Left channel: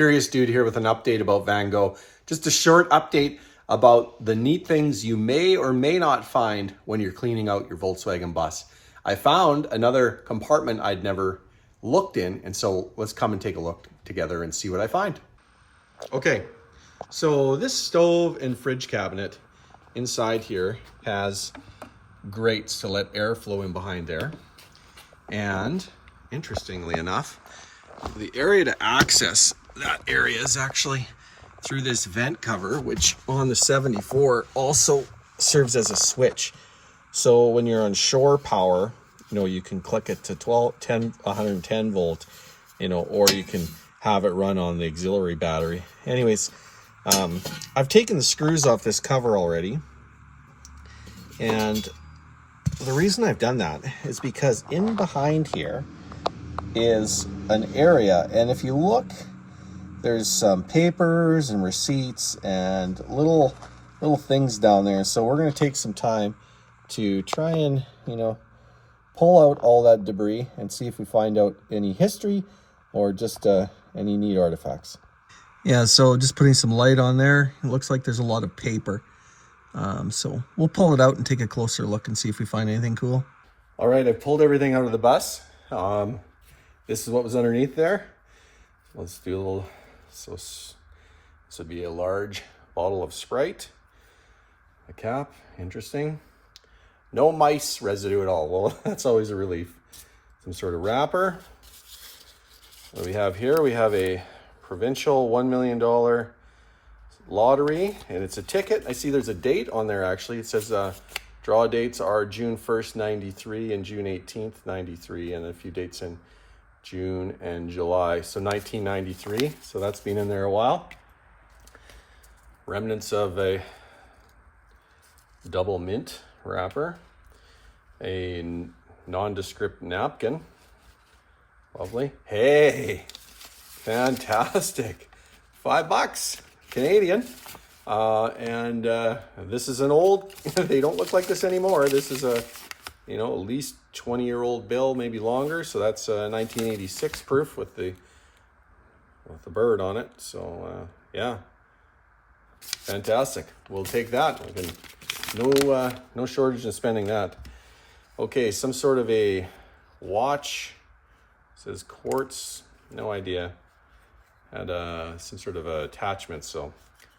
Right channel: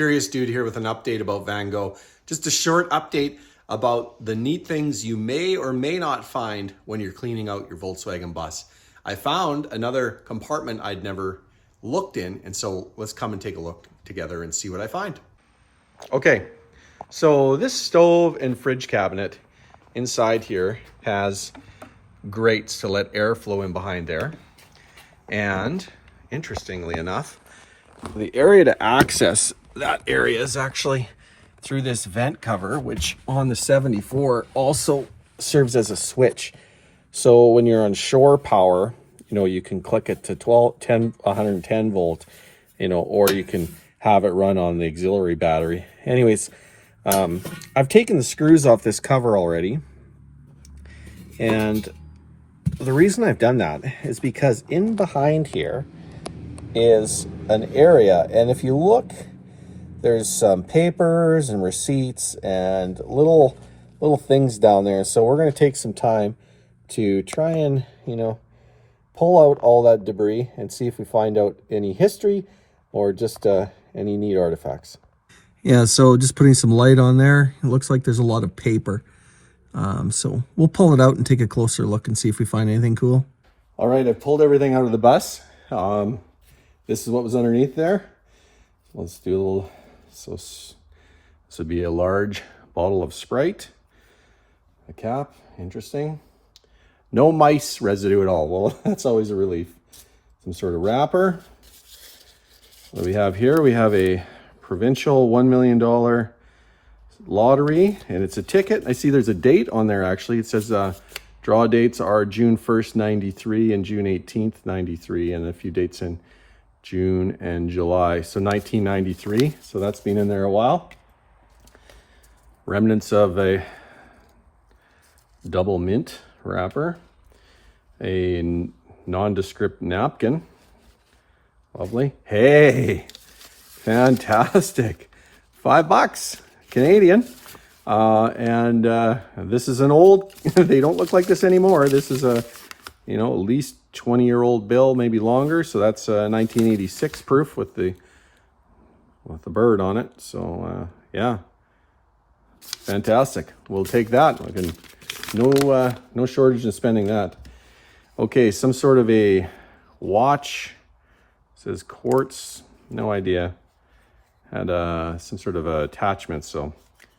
Curious Dude here with an update about Van Gogh. Just a short update about the neat things you may or may not find when you're cleaning out your Volkswagen bus. I found another compartment I'd never looked in, and so let's come and take a look together and see what I find. Okay, so this stove and fridge cabinet inside here has grates to let air flow in behind there. And interestingly enough, the area to access that area is actually through this vent cover, which on the 74 also serves as a switch. So when you're on shore power, you can click it to 110 volt, or you can have it run on the auxiliary battery. Anyways, I've taken the screws off this cover already. And the reason I've done that is because in behind here is an area, and if you look, there's some papers and receipts and little things down there. So we're going to take some time to try and pull out all that debris and see if we find out any history or just any neat artifacts. Yeah, so just putting some light on there. It looks like there's a lot of paper. So we'll pull it out and take a closer look and see if we find anything cool. All right, I've pulled everything out of the bus. This is what was underneath there. Let's do a little, so this would be a large bottle of Sprite. A cap, interesting. No mice residue at all. Well, that's always a relief. Some sort of wrapper. What do we have here? We have a provincial $1 million lottery, and it's a ticket. I see there's a date on there actually. It says draw dates are June 1st, 93 and June 18th, 93, and a few dates in June and July. So 1993, so that's been in there a while. Remnants of a double mint wrapper, a nondescript napkin. Lovely. Hey, fantastic. $5 Canadian. And this is an old, they don't look like this anymore. This is a, at least 20-year-old bill, maybe longer. So that's 1986 proof with the bird on it. So yeah, fantastic. We'll take that. I can, no shortage in spending that. Okay, some sort of a watch. It says quartz, no idea. Had some sort of attachment, so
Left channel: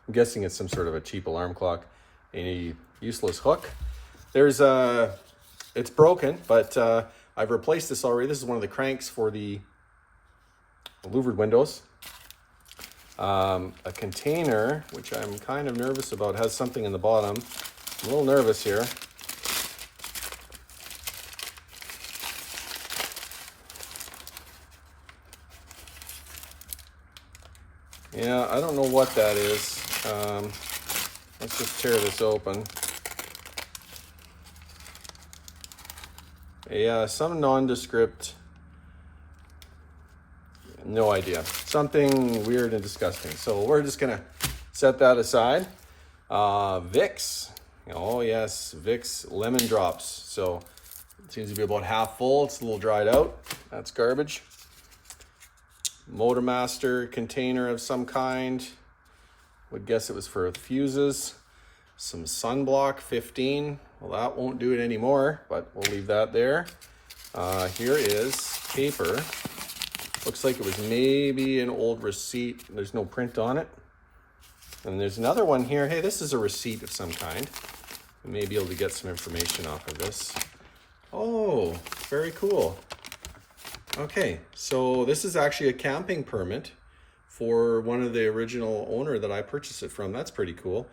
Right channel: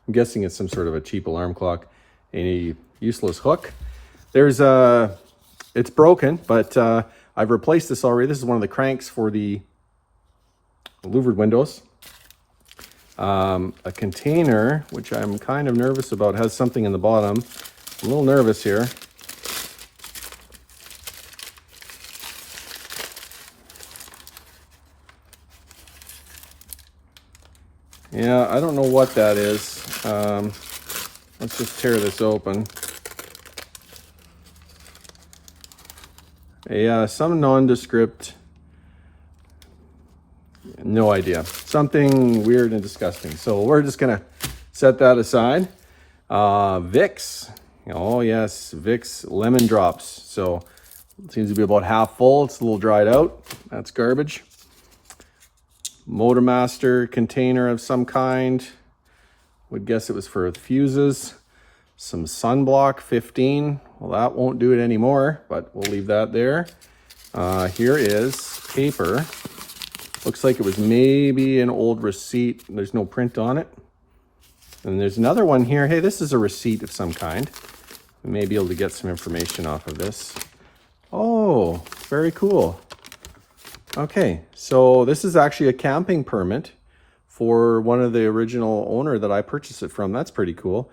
I'm guessing it's some sort of a cheap alarm clock. A useless hook. There's it's broken, but I've replaced this already. This is one of the cranks for the louvered windows. A container, which I'm kind of nervous about, has something in the bottom. I'm a little nervous here. Yeah, I don't know what that is. Let's just tear this open. Yeah, some nondescript, no idea. Something weird and disgusting. So we're just gonna set that aside. Vicks, oh yes, Vicks lemon drops. So it seems to be about half full. It's a little dried out. That's garbage. Motormaster container of some kind. Would guess it was for fuses. Some sunblock 15. Well, that won't do it anymore, but we'll leave that there. Here is paper. Looks like it was maybe an old receipt. There's no print on it. And there's another one here. Hey, this is a receipt of some kind. We may be able to get some information off of this. Oh, very cool. Okay, so this is actually a camping permit for one of the original owner that I purchased it from. That's pretty cool.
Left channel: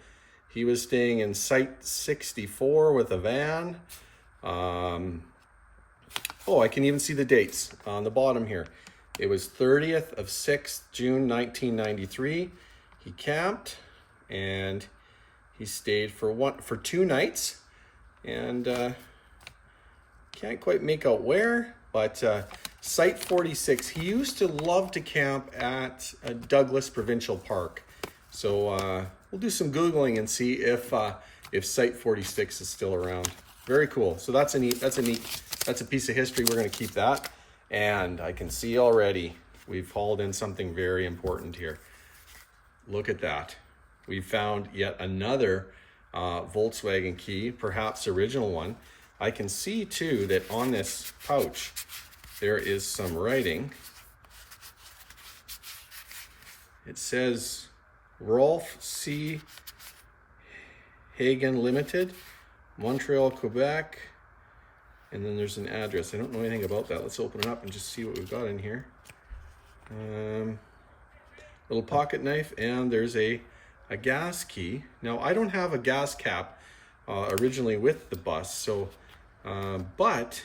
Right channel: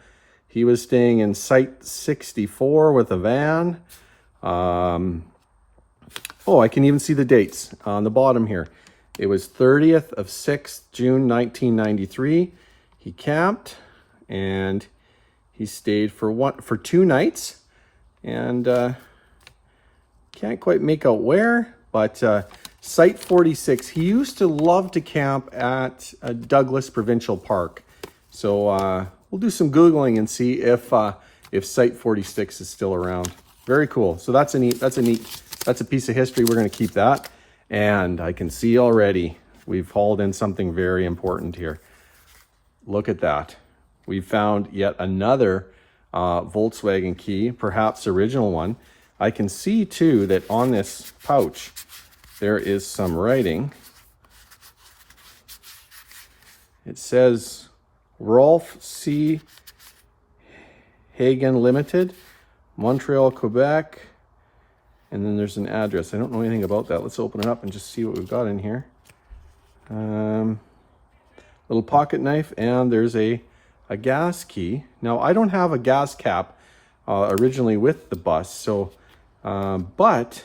He was staying in Site 64 with a van. Oh, I can even see the dates on the bottom here. It was 30th of 6th, June 1993. He camped and he stayed for 2 nights, and can't quite make out where, but Site 46. He used to love to camp at Douglas Provincial Park. So we'll do some Googling and see if Site 46 is still around. Very cool. So that's a piece of history. We're going to keep that. And I can see already we've hauled in something very important here. Look at that. We found yet another Volkswagen key, perhaps original one. I can see too that on this pouch there is some writing. It says Rolf C. Hagen Limited, Montreal, Quebec. And then there's an address. I don't know anything about that. Let's open it up and just see what we've got in here. Little pocket knife, and there's a gas key. Now, I don't have a gas cap originally with the bus, so, but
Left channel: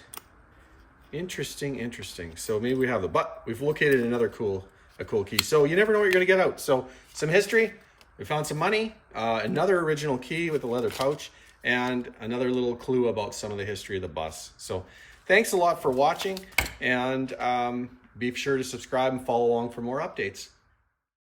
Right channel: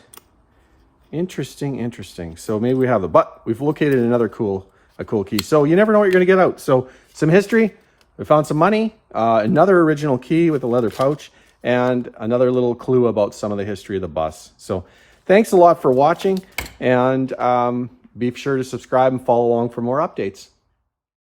interesting. So maybe we have but we've located a cool key. So you never know what you're gonna get out. So some history, we found some money, another original key with a leather pouch, and another little clue about some of the history of the bus. So thanks a lot for watching, and be sure to subscribe and follow along for more updates.